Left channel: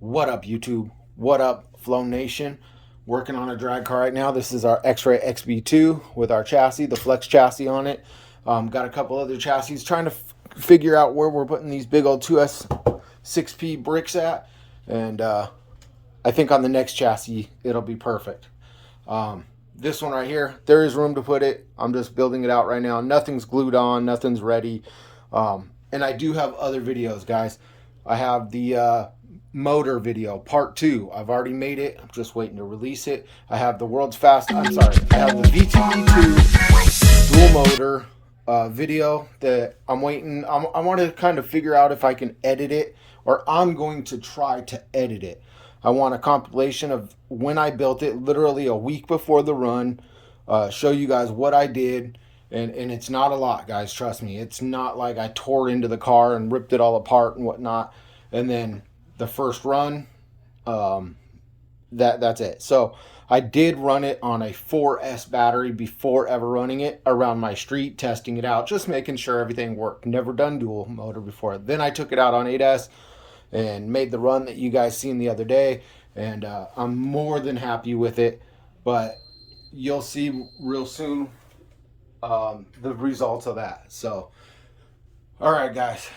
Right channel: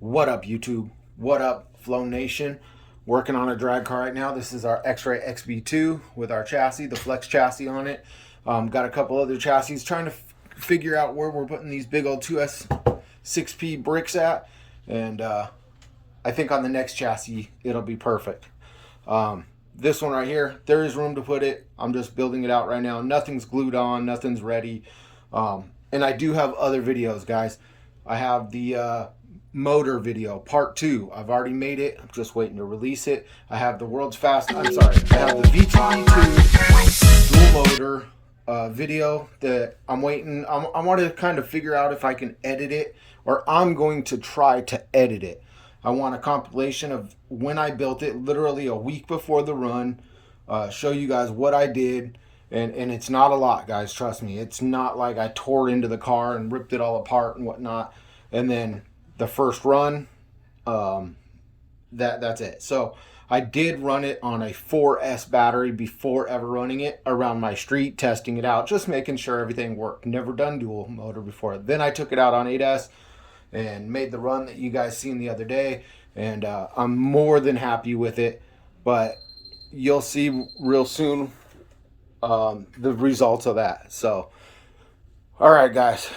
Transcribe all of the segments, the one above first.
What up, YouTube? What up, Flow Nation? Working on a drag car right now. This is our X-Ray XB2 with our chassis, the Flex chassis on it. Got a couple other chassis. Trying to figure out where we're putting these big old 2S 6P bricks at. And I think on the next chassis, it'll be perfect. This one right here, there is room to put it. I'm just building it out right now. Nothing's glued on. Nothing's ready. And I do have other videos, guys. I have the motor video part 2. I've already made it. I'm just waiting to release it. I have the world's fast. I'm sorry. I have the VTE2 dual motor video that I'm waiting. I want to kind of figure out if I can edit it, or I'm going to try to edit it. I want a compilation of when I built it, literally a week before the run. Show you guys what I did. And it's not a lot, guys. Trust me. It's not like I tore into the car and ripped it all apart and whatnot. And then the first run, that's it. So I did run it on a 4S battery before ever running it around my street, testing it out, just making sure everything worked. Never done dual motor before. Then I took it out on 8S and made the run that you guys seen the other day. And I'm more than happy with it. But you'll see real soon the results of that. So, all right, guys,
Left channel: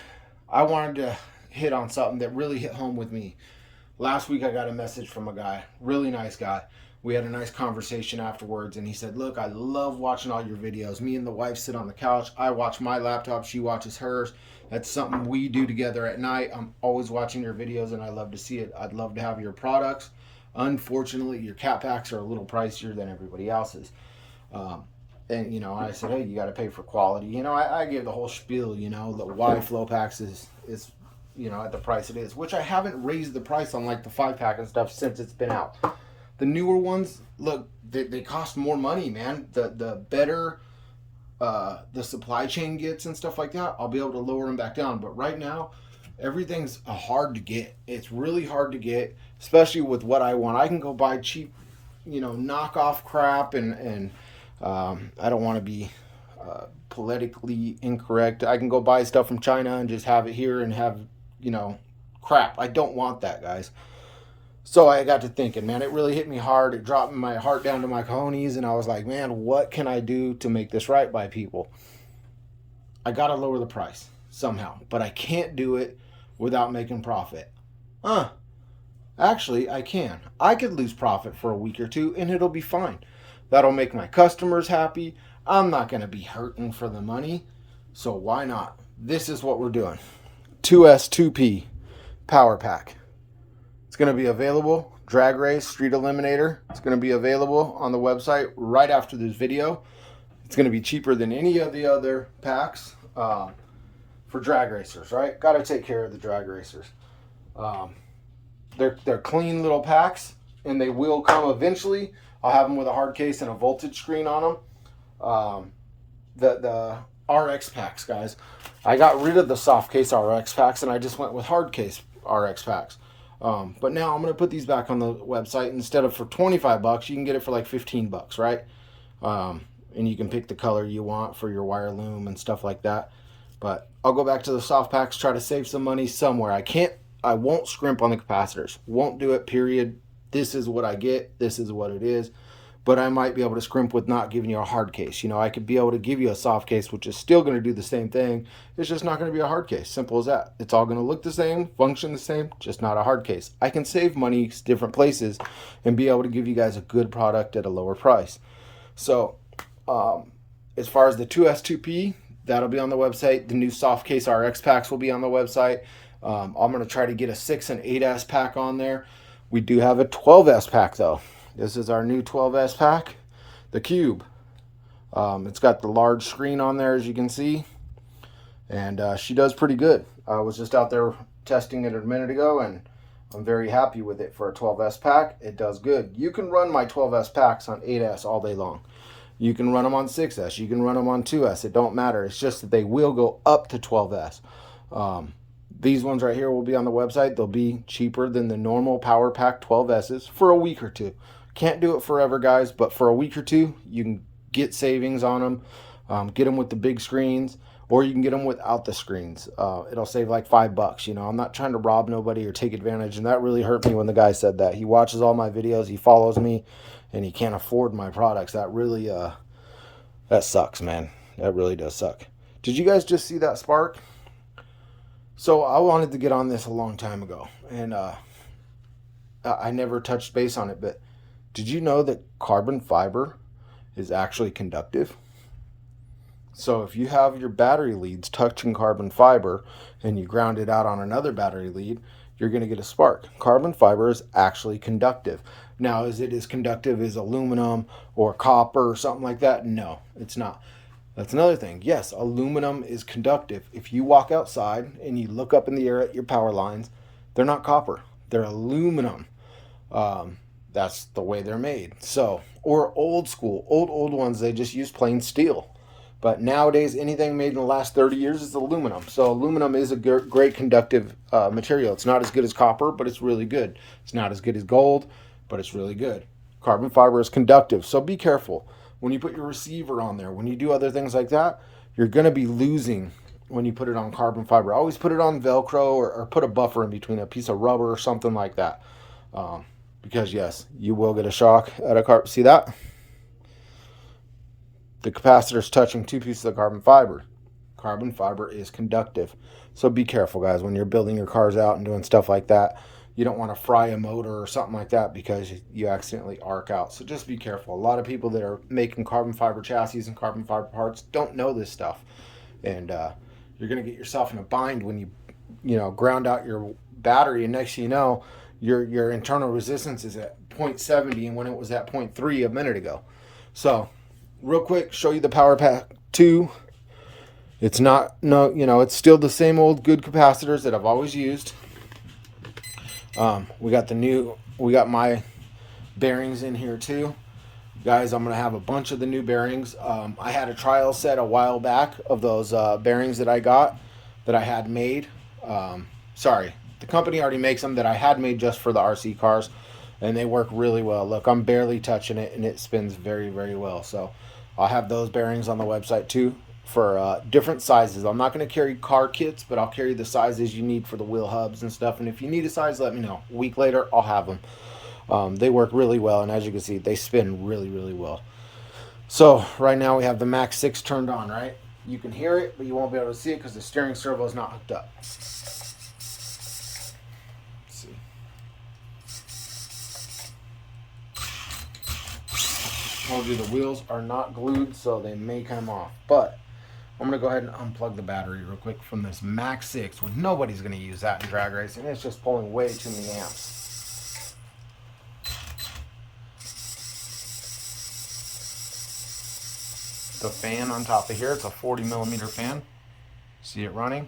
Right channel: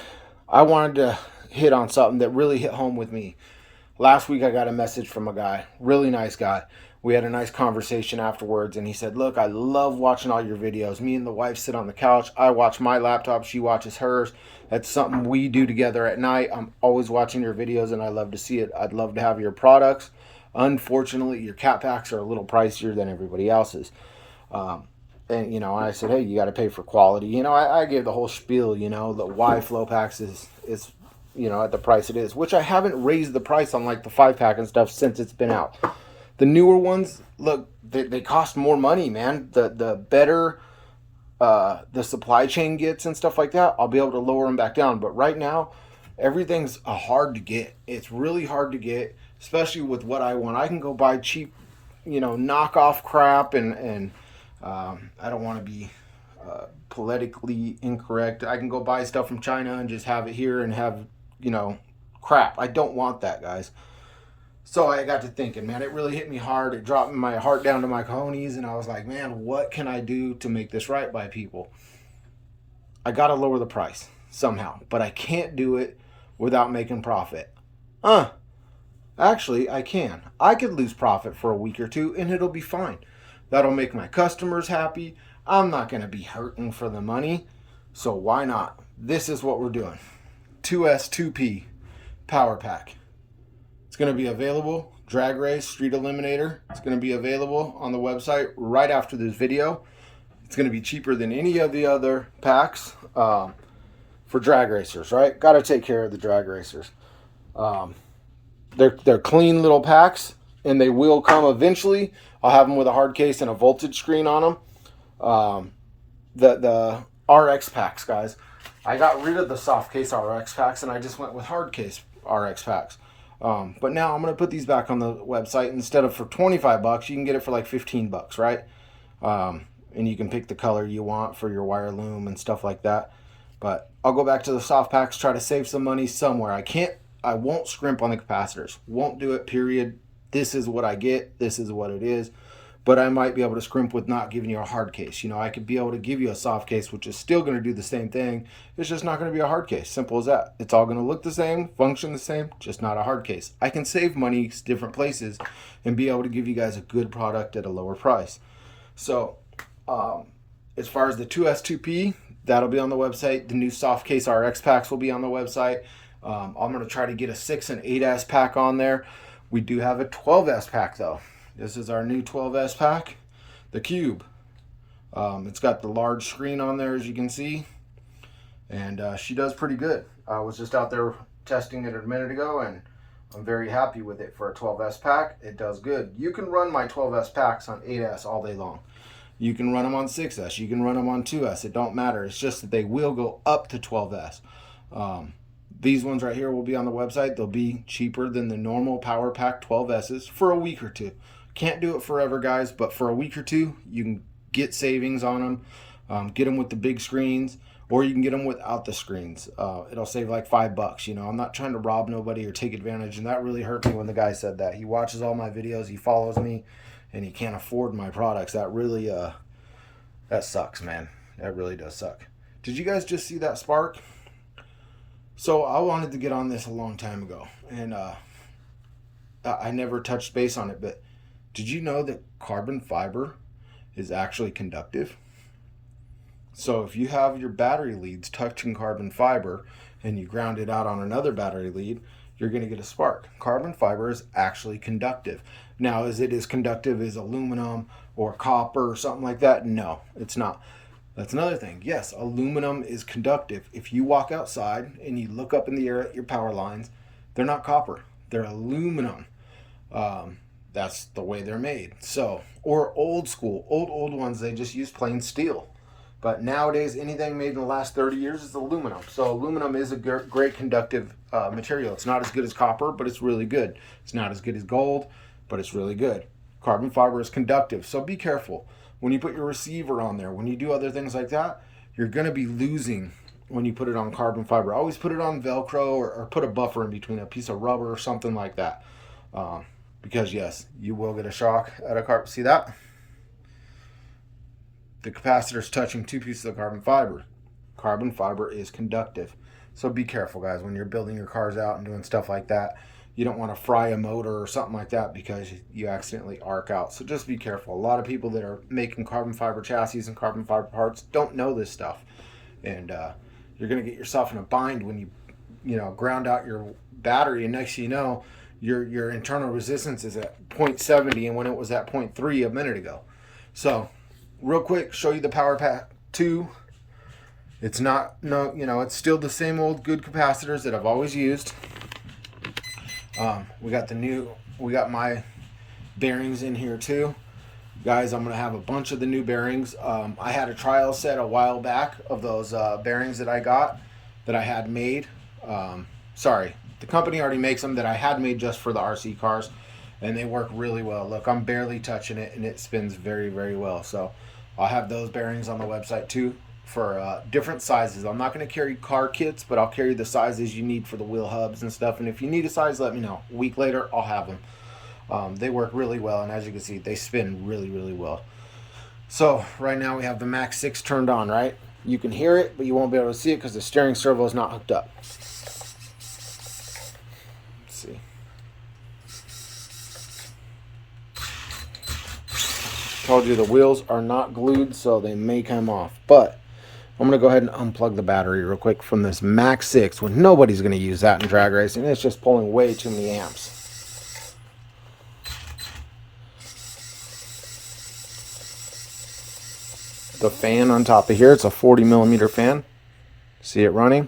I wanted to hit on something that really hit home with me. Last week, I got a message from a guy, really nice guy. We had a nice conversation afterwards, and he said, look, I love watching all your videos. Me and the wife sit on the couch. I watch my laptop. She watches hers. That's something we do together at night. I'm always watching your videos, and I love to see it. I'd love to have your products. Unfortunately, your cat packs are a little pricier than everybody else's. And, you know, I said, hey, you got to pay for quality. You know, I gave the whole spiel, you know, the why Flopacks is, you know, at the price it is, which I haven't raised the price on like the 5-pack and stuff since it's been out. The newer ones, look, they cost more money, man. The better the supply chain gets and stuff like that, I'll be able to lower them back down. But right now, everything's hard to get. It's really hard to get, especially with what I want. I can go buy cheap, you know, knockoff crap and I don't want to be politically incorrect. I can go buy stuff from China and just have it here and have, you know, crap. I don't want that, guys. So I got to thinking, man, it really hit me hard. It dropped my heart down to my cojones, and I was like, man, what can I do to make this right by people? I got to lower the price somehow, but I can't do it without making profit. Actually, I can. I could lose profit for a week or two, and it'll be fine. That'll make my customers happy. I'm not going to be hurting for the money. So why not? This is what we're doing. 2S 2P Power Pack. It's going to be available. Drag Race Street Eliminator. It's going to be available on the website right after this video. It's going to be cheaper than any of the other packs for drag racers, right? Got to take care of the drag racers. They're clean little packs, and they will come eventually. I'll have them with a hard case and a voltage screen on them. The RX packs, guys. I got rid of the soft case RX packs, and I just went with hard case RX packs. But now I'm going to put these back on the website. Instead of for 25 bucks, you can get it for like 15 bucks, right? And you can pick the color you want for your wire loom and stuff like that. But I'll go back to the soft packs, try to save some money somewhere. I won't scrimp on the capacitors. Won't do it, period. This is what I get. This is what it is. But I might be able to scrimp with not giving you a hard case. You know, I could be able to give you a soft case, which is still going to do the same thing. It's just not going to be a hard case. Simple as that. It's all going to look the same, function the same, just not a hard case. I can save money different places and be able to give you guys a good product at a lower price. So, as far as the 2S2P, that'll be on the website. The new soft case RX packs will be on the website. I'm going to try to get a 6 and 8S pack on there. We do have a 12S pack, though. This is our new 12S pack, the Cube. It's got the large screen on there, as you can see. And she does pretty good. I was just out there testing it a minute ago, and I'm very happy with it for a 12S pack. It does good. You can run my 12S packs on 8S all day long. You can run them on 6S. You can run them on 2S. It don't matter. It's just that they will go up to 12S. These ones right here will be on the website. They'll be cheaper than the normal Power Pack 12Ss for a week or two. Can't do it forever, guys, but for a week or two, you can get savings on them. Get them with the big screens, or you can get them without the screens. It'll save like $5. You know, I'm not trying to rob nobody or take advantage, and that really hurt me when the guy said that. He watches all my videos, he follows me, and he can't afford my products. That really that sucks, man. That really does suck. Did you guys just see that spark? So I wanted to get on this a long time ago, and I never touched base on it, but did you know that carbon fiber is actually conductive? So if you have your battery leads touching carbon fiber and you ground it out on another battery lead, you're going to get a spark. Carbon fiber is actually conductive. Now, is it as conductive as aluminum or copper or something like that? No, it's not. That's another thing. Yes, aluminum is conductive. If you walk outside and you look up in the air at your power lines, they're not copper, they're aluminum. That's the way they're made. So, or old school, old ones, they just use plain steel. But nowadays, anything made in the last 30 years is aluminum. So aluminum is a great conductive material. It's not as good as copper, but it's really good. It's not as good as gold, but it's really good. Carbon fiber is conductive, so be careful. When you put your receiver on there, when you do other things like that, you're going to be losing when you put it on carbon fiber. Always put it on Velcro, or put a buffer in between, a piece of rubber or something like that. Because yes, you will get a shock at a carbon. See that? The capacitor is touching two pieces of carbon fiber. Carbon fiber is conductive. So be careful, guys, when you're building your cars out and doing stuff like that. You don't want to fry a motor or something like that because you accidentally arc out. So just be careful. A lot of people that are making carbon fiber chassis and carbon fiber parts don't know this stuff. And you're going to get yourself in a bind when you ground out your battery, and next thing you know, your internal resistance is at 0.70 and when it was at 0.3 a minute ago. So real quick, show you the Power Pack 2. It's not, no, it's still the same old good capacitors that I've always used. We got my bearings in here too. Guys, I'm going to have a bunch of the new bearings. I had a trial set a while back of those bearings that I got, that I had made. Sorry, the company already makes them, that I had made just for the RC cars, and they work really well. Look, I'm barely touching it, and it spins very, very well. So I'll have those bearings on the website too, for different sizes. I'm not going to carry car kits, but I'll carry the sizes you need for the wheel hubs and stuff. And if you need a size, let me know. A week later, I'll have them. They work really well, and as you can see, they spin really, really well. So right now we have the Max 6 turned on, right? You can hear it, but you won't be able to see it because the steering servo is not hooked up. Let's see. Told you the wheels are not glued, so they may come off, but I'm going to go ahead and unplug the battery real quick from this Max 6 when nobody's going to use that in drag racing. It's just pulling way too many amps. The fan on top of here, it's a 40 millimeter fan. See it running?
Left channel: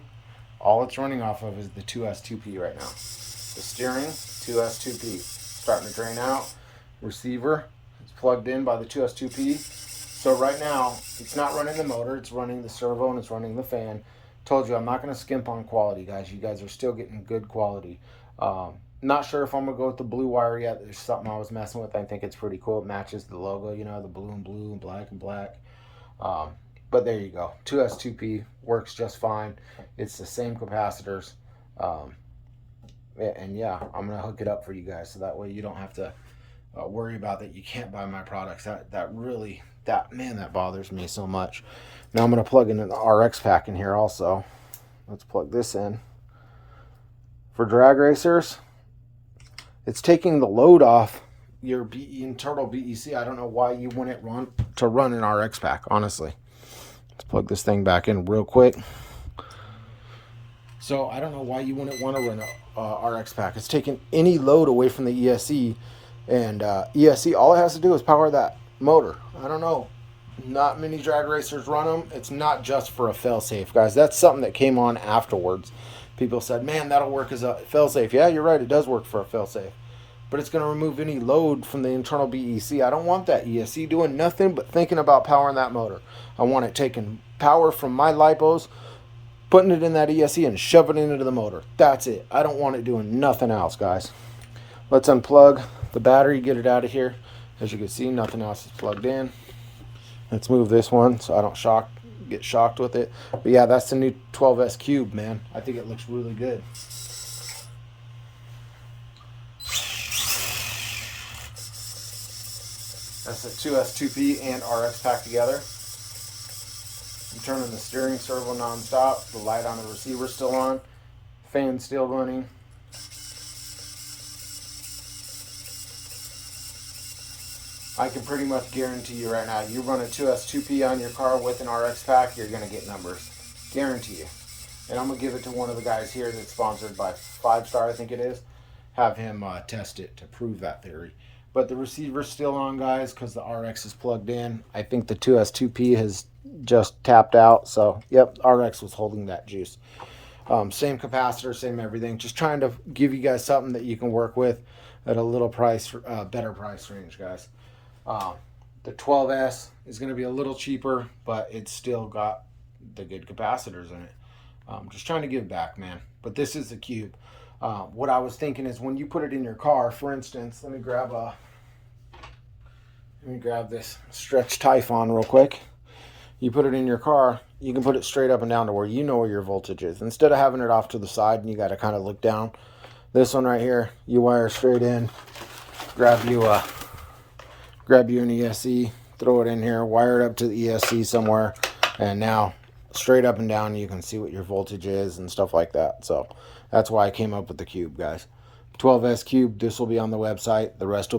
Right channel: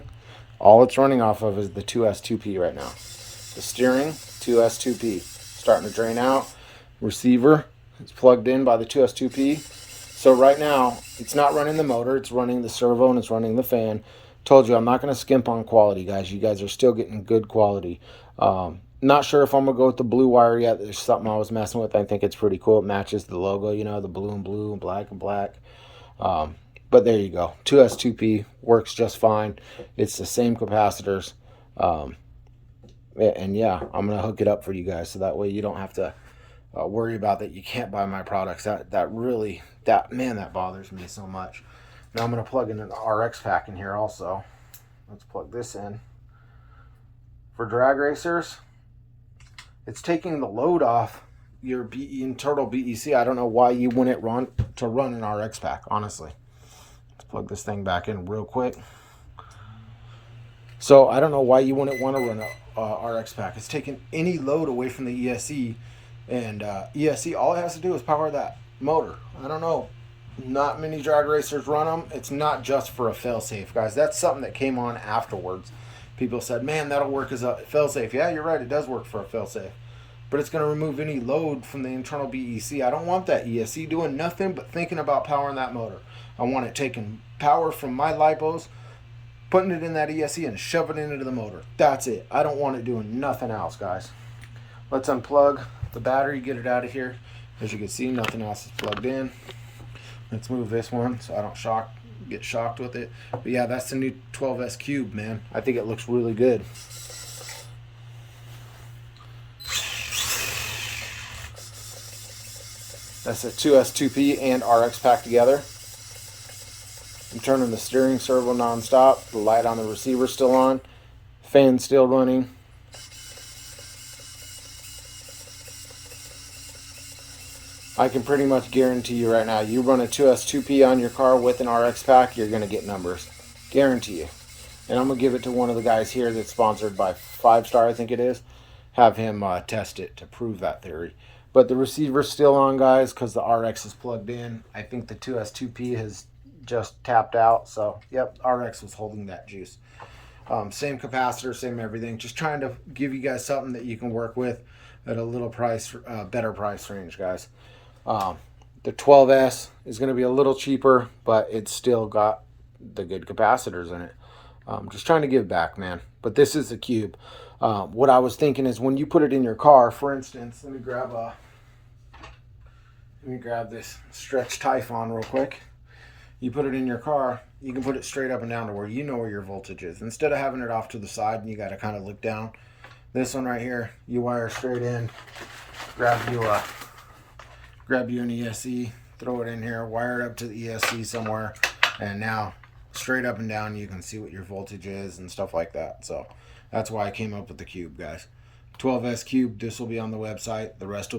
All it's running off of is the 2S2P right now. The steering, 2S2P. Starting to drain out. Receiver, it's plugged in by the 2S2P. So right now, it's not running the motor, it's running the servo and it's running the fan. Told you, I'm not going to skimp on quality, guys. You guys are still getting good quality. Not sure if I'm going to go with the blue wire yet. There's something I was messing with. I think it's pretty cool. It matches the logo, the blue and blue and black and black. But there you go. 2S2P works just fine. It's the same capacitors. And yeah, I'm going to hook it up for you guys so that way you don't have to worry about that you can't buy my products. That bothers me so much. Now I'm going to plug in an RX pack in here also. Let's plug this in. For drag racers, it's taking the load off your internal BEC. I don't know why you wouldn't run an RX pack, honestly. Let's plug this thing back in real quick. So I don't know why you wouldn't want to run a RX pack. It's taking any load away from the ESC, and ESC, all it has to do is power that motor. I don't know. Not many drag racers run them. It's not just for a failsafe, guys. That's something that came on afterwards. People said, man, that'll work as a failsafe. Yeah, you're right. It does work for a failsafe. But it's going to remove any load from the internal BEC. I don't want that ESC doing nothing but thinking about powering that motor. I want it taking power from my lipos, putting it in that ESC and shoving it into the motor. That's it. I don't want it doing nothing else, guys. Let's unplug the battery, get it out of here. As you can see, nothing else is plugged in. Let's move this one so I don't shock get shocked with it. But yeah, that's the new 12S Cube, man. I think it looks really good. That's a 2S2P and RX pack together. I'm turning the steering servo non-stop. The light on the receiver still on. Fan still running. I can pretty much guarantee you right now, you run a 2S2P on your car with an RX pack, you're going to get numbers. Guarantee you. And I'm going to give it to one of the guys here that's sponsored by 5-Star, I think it is. Have him test it to prove that theory. But the receiver's still on, guys, because the RX is plugged in. I think the 2S2P has just tapped out. So, yep, RX was holding that juice. Same capacitor, same everything. Just trying to give you guys something that you can work with at a little price, better price range, guys. The 12S is going to be a little cheaper, but it's still got the good capacitors in it. Just trying to give back, man. But this is the Cube. What I was thinking is when you put it in your car, for instance, let me grab this stretch Typhon real quick. You put it in your car, you can put it straight up and down to where you know where your voltage is. Instead of having it off to the side and you got to kind of look down. This one right here, you wire straight in, grab you an ESC, throw it in here, wire it up to the ESC somewhere, and now straight up and down you can see what your voltage is and stuff like that. So that's why I came up with the Cube, guys. 12S Cube, this will be on the website. The rest will be